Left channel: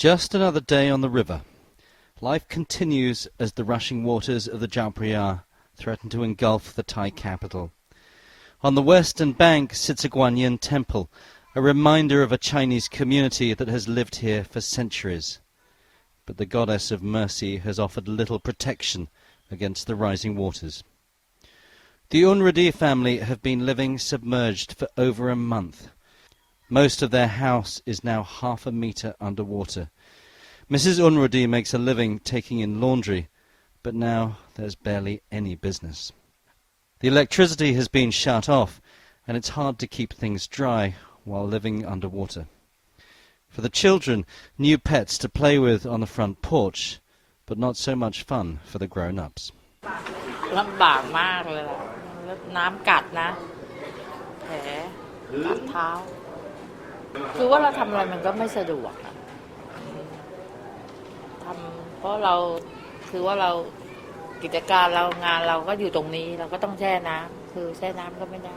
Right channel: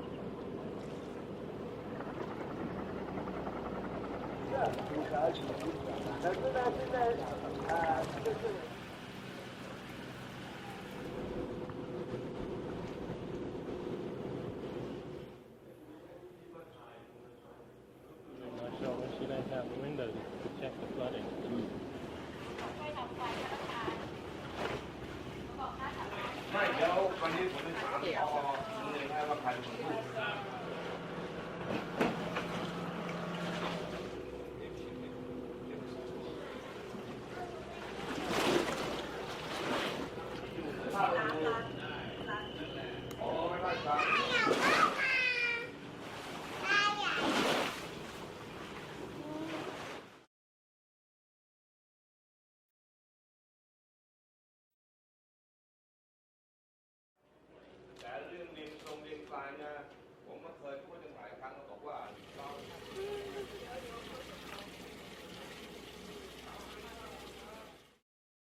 Just another day on the river. Life continues as the rushing waters of the Chao Phraya threaten to engulf the Thai capital. On the western bank sits a Guanyin temple, a reminder of a Chinese community that has lived here for centuries. But the goddess of mercy has offered little protection against the rising waters. The Unrudi family have been living submerged for over a month. Most of their house is now half a metre underwater. Mrs. Unrudi makes a living taking in laundry, but now there's barely any business. The electricity has been shut off, and it's hard to keep things dry while living underwater. For the children, new pets to play with on the front porch, but not so much fun for the grown-ups. ลำบากมากเลยล่ะน้ำกัดนะแผลกัดเท้าคือว่าเราทำอะไรมันก็ไม่สะดวกทำเพราะเราคือว่าเรากิจการเรางานเราก็อยู่ตรงนี้เราก็ต้องแช่น้ำคือแช่น้ำก็ไม่ได้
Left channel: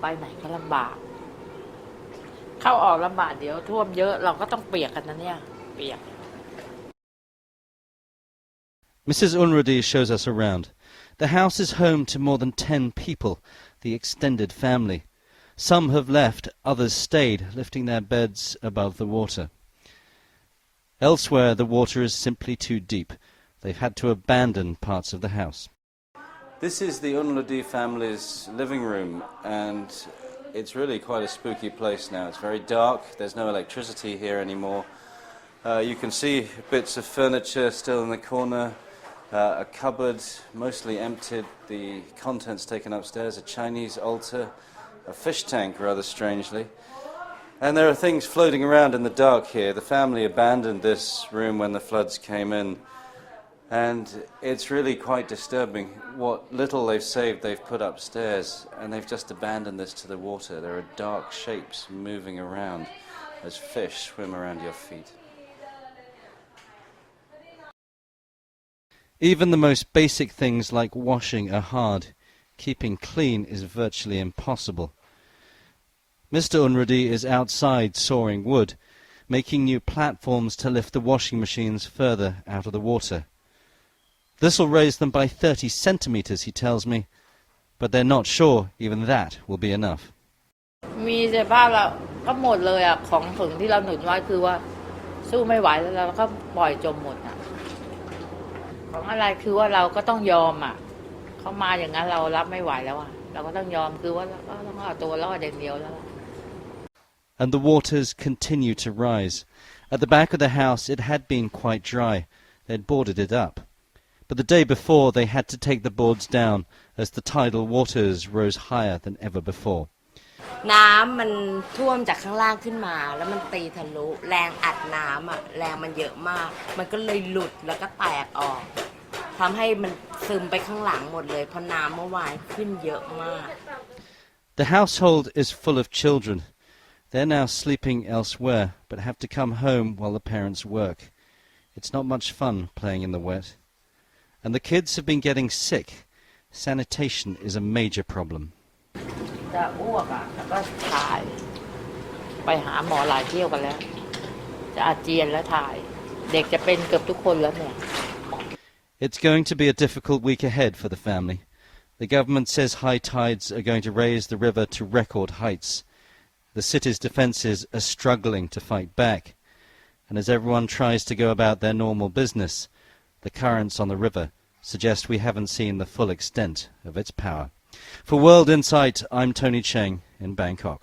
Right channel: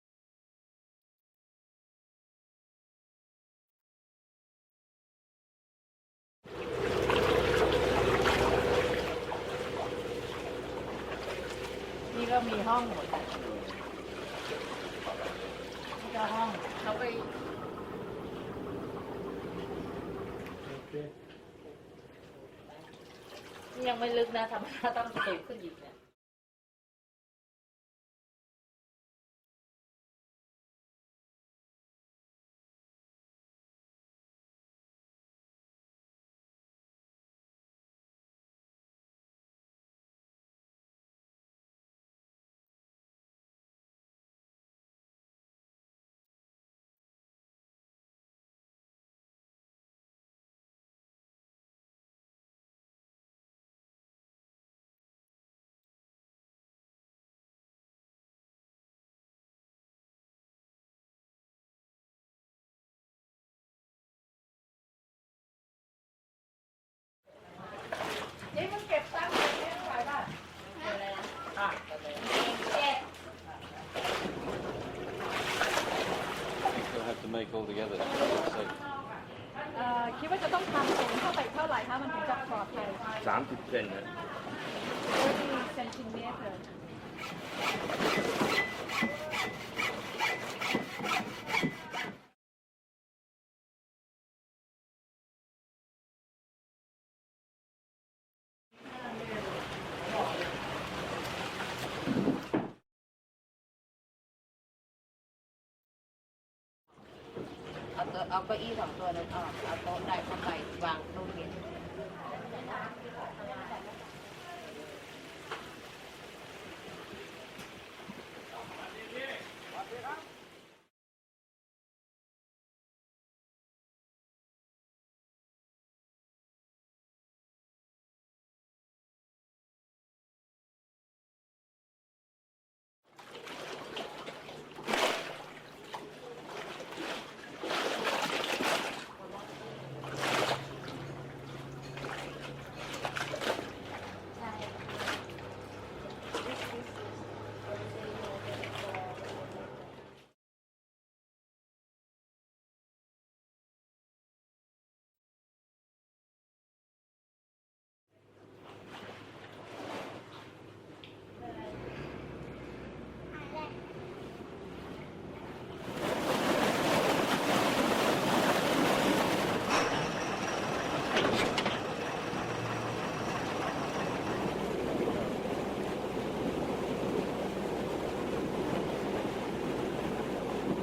ไปไหนก็ลำบากเข้าออกลำบากเดี๋ยวท่วมเยอะเราก็ต้องเปียกกันนะเนี่ยเปียก Mrs. Unrudi shows us around. The house is home to more than 10 people, the extended family. Some have left, others stayed, lifting their beds above the water. Elsewhere, the water is simply too deep. They've had to abandon parts of the house. This is the Unrudi family's living room, and it's really quite a spooky place now. It's very dark, there's no electricity here anymore. You can see bits of furniture still in the corner. A cupboard, mostly emptied, the contents taken upstairs, a Chinese altar, a fish tank rather strangely. And there are things floating around in the dark here. The family abandoned this room when the floods came in. And it's really quite disturbing. What little they've saved they've put upstairs, and they've just abandoned this to the water. There are dark shapes moving around as fish swim around your feet. Even the most basic things like washing are hard. Keeping clean is virtually impossible. Mr. Unrudi is outside sawing wood, making new platforms to lift the washing machines further out of the water. This will raise them by 30 centimetres, he tells me, but they're not sure even that will be enough. มีแต่บ้านเราก็หมดเลยอ่ะของถึงที่เราหนุนไว้คือว่าสู้ไม่ไหวแล้วเราก็ปล่อยจมหมดอ่ะของอะไรคือว่าเราก็ต้องยอมอ่ะเขามาอย่างนั้นเรารับไม่ไหวแล้วอ่ะเราก็ต้องยอมคือว่าเราก็ต้องเอาตัวรอดอย่างเดียวแล้ว And the waters continue to rise. At the back of the house it had been quite dry. They'd boarded it up. But the day before they had to take the boards down as the tidal waters rose higher than ever before. น้ำมันท่วมจากข้างล่างขึ้นมาแล้วมันตีทะลุแรงอัดน้ำอ่ะแรงมันเยอะมากมันก็เลยหลุดแล้วก็แตกออกทำให้มันซึมไปข้างหลังหมดเลยเพราะน้ำเมื่อวานขึ้นเยอะมาก The household is full of children. They're now sleeping elsewhere but have to come home while the parents work. It's not much fun playing in the wet. And the kids have been getting sick. Sanitation is a major problem. จะอ้วกอ่ะแล้วก็ถ่ายไปหาหมอหลายเที่ยวกันแล้วจะอาเจียนแล้วถ่ายเด็กจะเป็นเกือบทุกคนแล้วเนี่ย It's going to be a difficult week ahead for the family. The government says high tides are going to raise the river to record heights. The city's defences are struggling to fight back. And as everyone tries to go about their normal business, the currents on the river suggest we haven't seen the full extent of its power. For World Insight, I'm Tony Cheng in Bangkok.